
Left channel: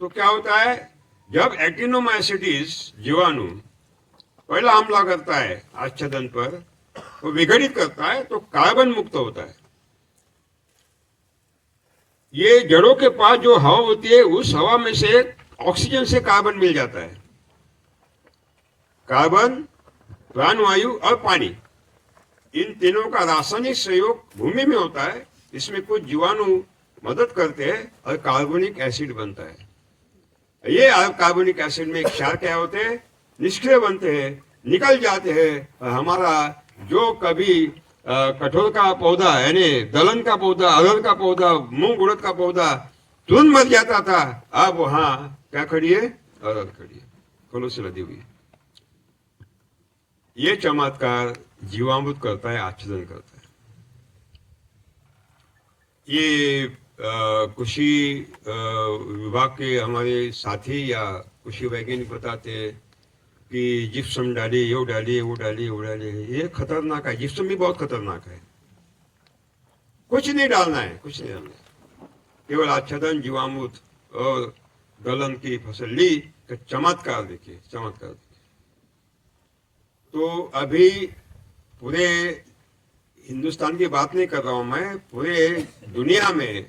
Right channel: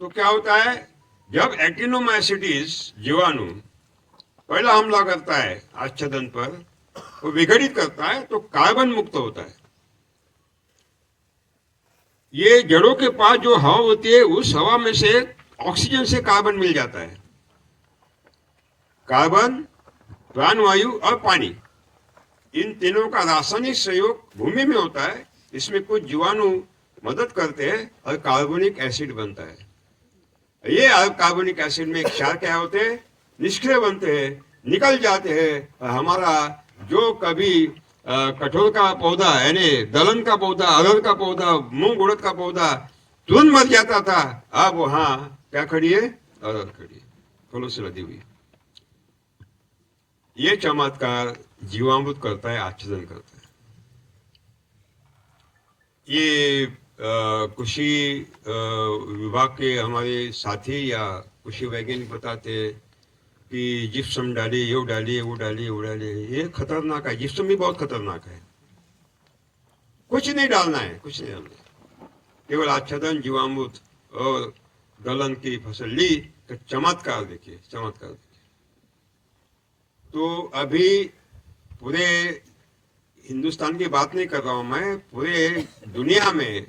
तो क्या होता है? जब एक्टिनोमाइसिटीज जीवाणु पहला हमला करता है आच्छादन पर, वो विघटित करता है तो कार्बन मुक्त होता है। ये जड़ों के पास जो हवा होती है उस हवा में से ऑक्सीजन से कार्बन मिल जाता है। कार्बन, प्राणवायु और पानी, इन तीनों का रासायनिक सहयोग भूमि में होता है। इसमें कुछ जीवाणु मदद करते हैं और कार्बोनिक एसिड बनता है। ये कार्बोनिक एसिड में क्षार क्या होते हैं? निष्क्रिय बनते हैं, निकल जाते हैं। और हमारा जो कभी कठोर का पौधा यानी दलहन का पौधा, अरहर का पौधा, मूंग उड़द का पौधा तुरंत मर जाता था, अब वहां क्या खड़ी है? अरहर खड़ी है, फलों से लदी हुई है। ये चमत्कार जीवामृत करता है, आच्छादन करता है। ये कृषि विभाग के हमारे साथी या कृषि वैज्ञानिक बताते हैं कि जिप्सम डालिए, ये डालिए, वो डालिए, वो डालिए। ये खतरनाक है, जिप्सम भी बहुत खतरनाक है। कुछ नहीं डालना है, कुछ नहीं डालना है, केवल आच्छादन, जीवामृत और दलहन की फसल ली तो चमत्कार देखिए, चमत्कार देखिए। तो अभी पूरे हिंदुस्तान की बात नहीं कर रहा हूं मैं, पूरे दुनिया में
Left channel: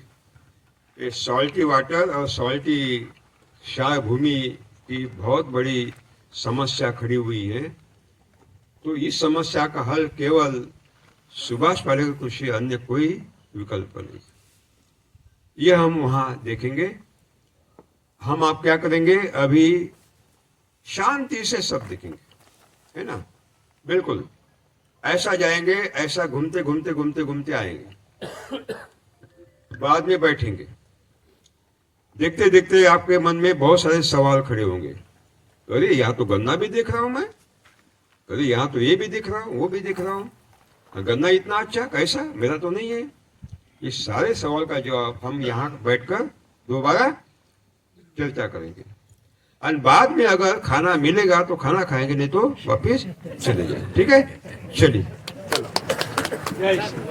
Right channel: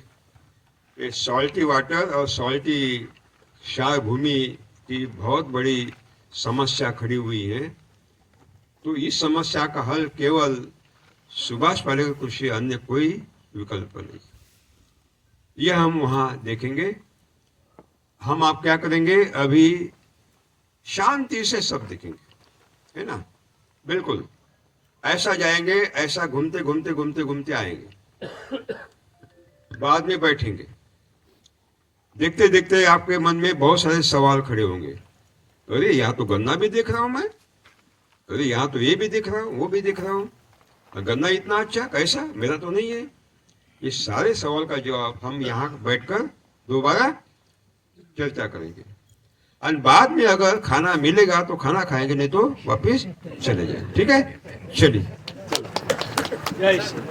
ये सॉल्टी वाटर और सॉल्टी क्षार भूमि की बहुत बड़ी समस्या खड़ी हुई है। तो इस समस्या का हल केवल सुभाष पालेकर कृषि, अन्य कोई विकल्प नहीं। यह हम वहां देखेंगे। हम आप क्या करेंगे, अभी शांति से सब देखेंगे, है ना, बिल्कुल ऐसा जाएंगे, ऐसा घूमते घूमते घूमते घूमते आएंगे, बाद में बैठेंगे। देखते देखते आपके मन में बहुत सारे सवाल खड़े होंगे। अरे यहाँ तो गन्ना भी देख रहा हूं मैं, अरे यहाँ तो ये भी देख रहा हूँ, वो भी देख रहा हूँ, गन्ना इतना अच्छा कैसा, मेरा तो नहीं है। ये सारे सवाल का जवाब हम यहाँ बैठकर दोबारा चर्चा करेंगे। और बाद में अगर खाना मिलेगा तो खाना खाएंगे, नहीं तो वापिस चले जाएंगे। ठीक है, चलिए। जय श्री